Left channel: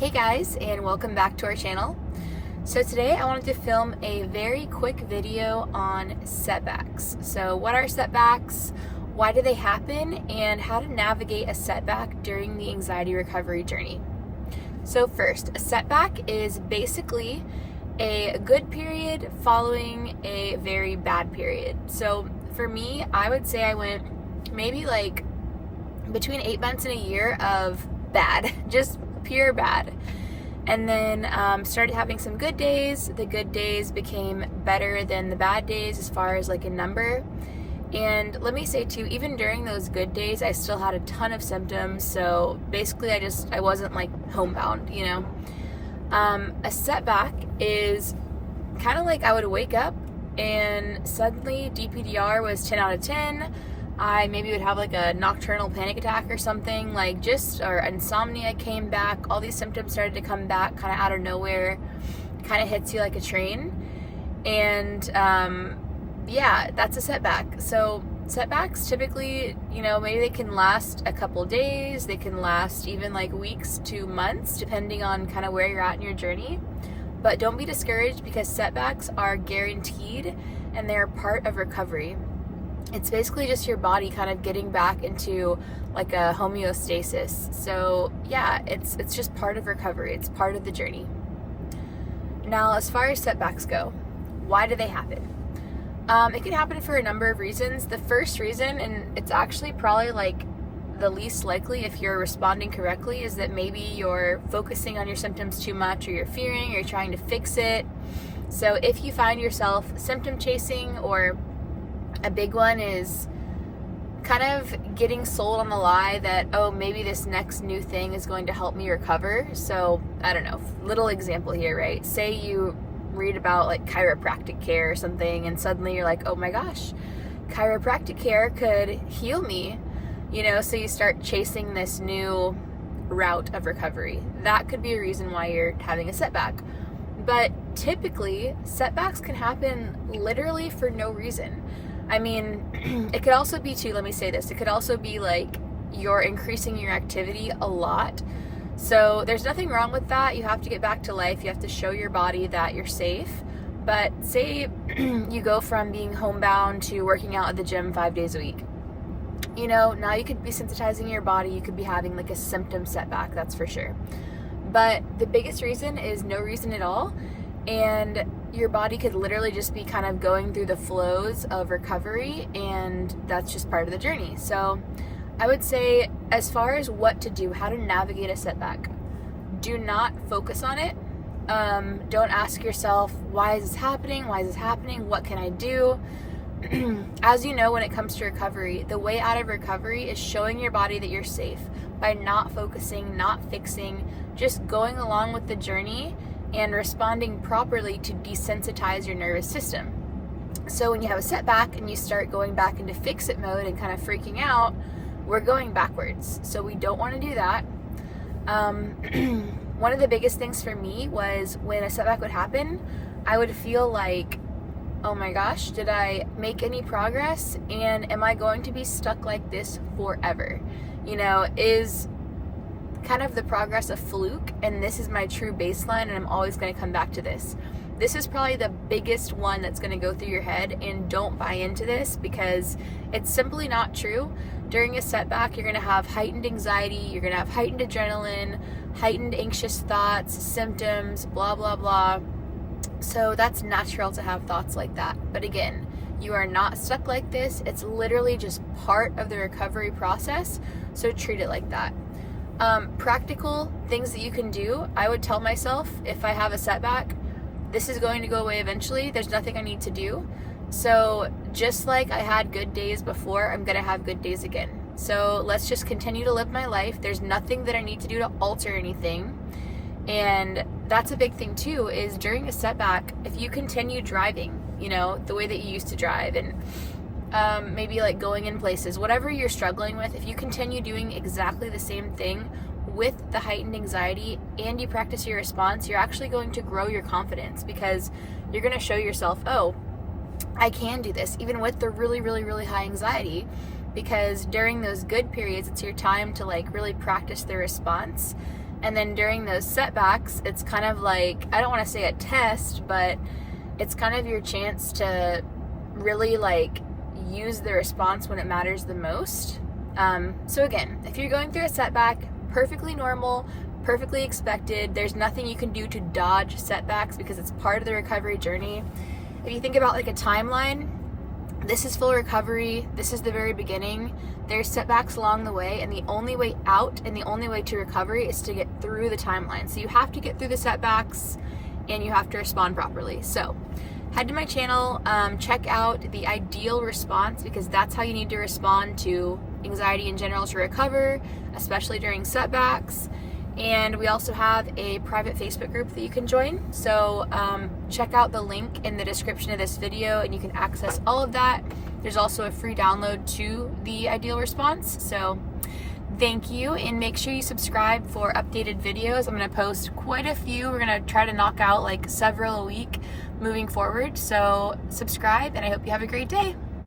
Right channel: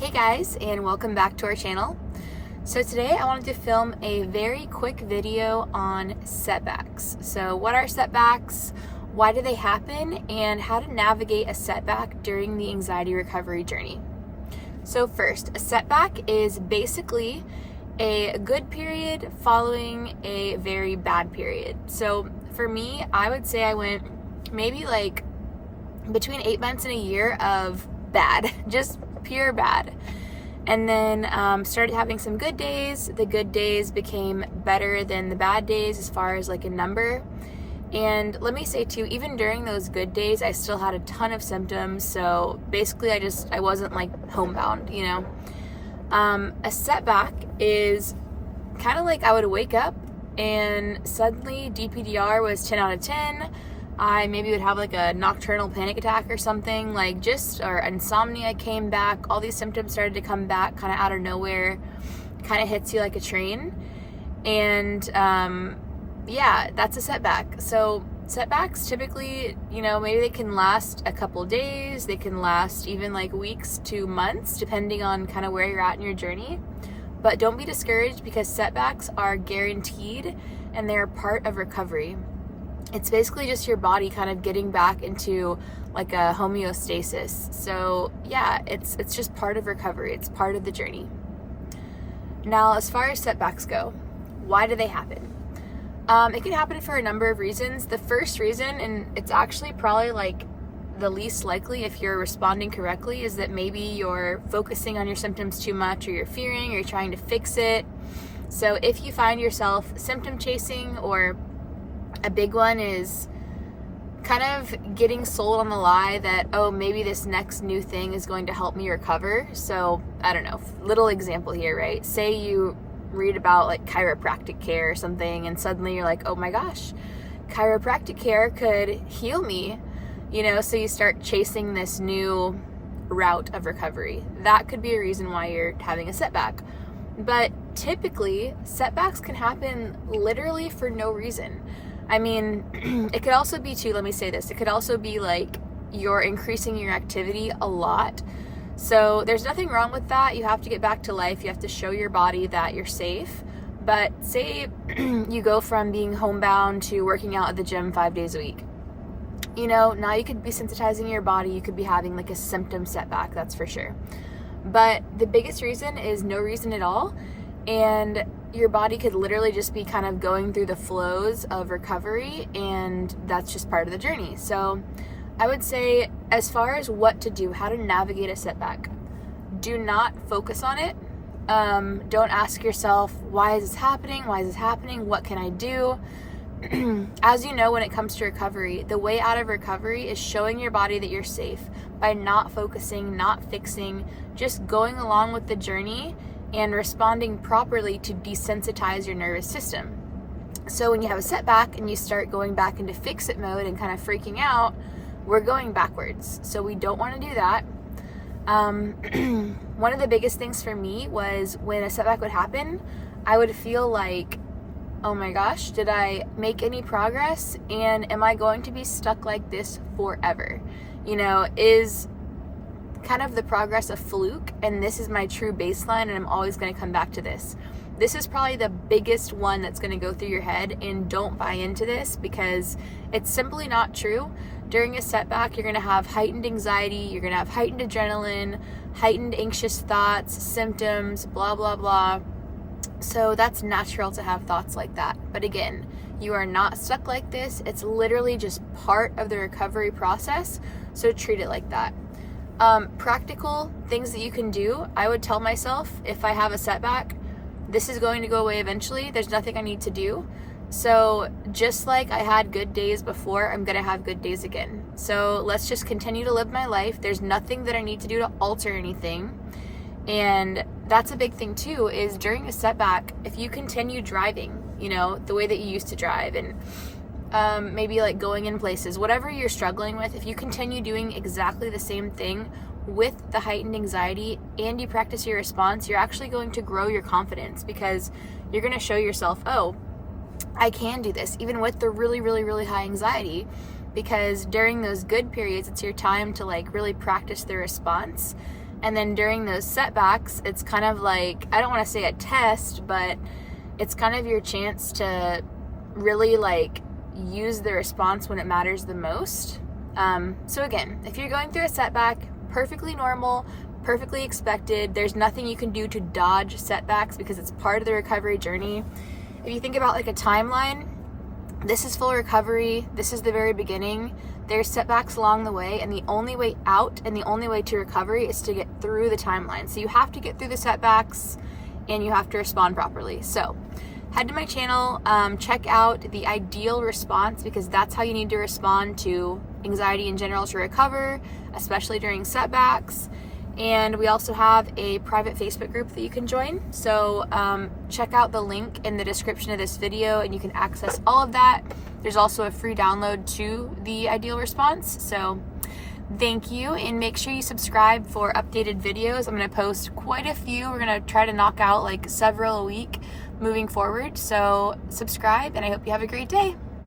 Hey guys, and welcome back to our channel. So today I wanted to film a very quick video on setbacks. So what are setbacks, why do they happen, and how to navigate a setback during the anxiety recovery journey. So first, a setback is basically a good period following a very bad period. So for me, I would say I went maybe like between 8 months and a year of bad, just pure bad. And then started having some good days. The good days became better than the bad days as far as like a number. And let me say too, even during those good days, I still had a ton of symptoms. So basically I wasn't like homebound, you know. A setback is kind of like I would wake up and suddenly DPDR was 10 out of 10. I maybe would have like a nocturnal panic attack or something, or insomnia came back. All these symptoms started to come back kind of out of nowhere, kind of hits you like a train. And yeah, that's a setback. So setbacks typically, maybe they can last a couple days. They can last even like weeks to months, depending on kind of where you're at in your journey. But don't be discouraged because setbacks are guaranteed and they're part of recovery. It's basically just your body kind of getting back into like a homeostasis. So yeah, it's just part of recovery. It's part of the journey. Now, as far as setbacks go, why do they happen? It can happen for a number of reasons. The first reason, and it's actually probably like the least likely if you're responding correctly, is that maybe you're focusing on your symptoms too much, or you're fearing, or you're trying to fix it. So if you find yourself symptom chasing, or a big one is kind of getting sold on the lie that, oh, maybe this next new thing is going to help me recover. So, I don't know, little example here, right? Say you read about like chiropractic care or something, and suddenly you're like, oh my gosh, chiropractic care could heal me, so you start chasing this new route of recovery. That could be a reason why you're having a setback. But typically, setbacks can happen literally for no reason. I mean, it could also be too, let me say this, it could also be like you're increasing your activity a lot. So there's nothing wrong with that. You have to get back to life. You have to show your body that you're safe. But say you go from being homebound to working out at the gym 5 days a week. Now you could be sensitizing your body. You could be having like a symptom setback, that's for sure. But the biggest reason is no reason at all. And your body could literally just be kind of going through the flows of recovery, and that's just part of the journey. So I would say, as far as what to do, how to navigate a setback, do not focus on it. Don't ask yourself, why is this happening? Why is this happening? What can I do? As you know, when it comes to recovery, the way out of recovery is showing your body that you're safe by not focusing, not fixing, just going along with the journey and responding properly to desensitize your nervous system. So when you have a setback and you start going back into fix-it mode and kind of freaking out, we're going backwards. So we don't want to do that. One of the biggest things for me was when a setback would happen, I would feel like, oh my gosh, did I make any progress? And am I going to be stuck like this forever? Is kind of the progress a fluke, and this is my true baseline, and I'm always going to come back to this. This is probably the biggest one that's going to go through your head, and don't buy into this because it's simply not true. During a setback, you're going to have heightened anxiety, you're going to have heightened adrenaline, heightened anxious thoughts, symptoms, blah, blah, blah. So that's natural to have thoughts like that. But again, you are not stuck like this. It's literally just part of the recovery process, so treat it like that. Practical things that you can do, I would tell myself, if I have a setback, this is going to go away eventually. There's nothing I need to do. So just like I had good days before, I'm going to have good days again. So let's just continue to live my life. There's nothing that I need to do to alter anything. And that's a big thing too, is during a setback, if you continue driving, the way that you used to drive, and maybe like going in places, whatever you're struggling with, if you continue doing exactly the same thing with the heightened anxiety and you practice your response, you're actually going to grow your confidence because you're going to show yourself, oh, I can do this, even with the really, really, really high anxiety, because during those good periods, it's your time to like really practice the response And then during those setbacks, it's kind of like, I don't want to say a test, but it's kind of your chance to really like use the response when it matters the most. So again, if you're going through a setback, perfectly normal, perfectly expected. There's nothing you can do to dodge setbacks because it's part of the recovery journey. If you think about like a timeline, this is full recovery. This is the very beginning. There's setbacks along the way, and the only way out and the only way to recovery is to get through the timeline. So you have to get through the setbacks and you have to respond properly. So head to my channel, check out the ideal response, because that's how you need to respond to anxiety in general to recover, especially during setbacks. And we also have a private Facebook group that you can join. So check out the link in the description of this video and you can access all of that. There's also a free download to the ideal response. So thank you, and make sure you subscribe for updated videos. I'm going to post quite a few. We're going to try to knock out like several a week moving forward. So subscribe, and I hope you have a great day.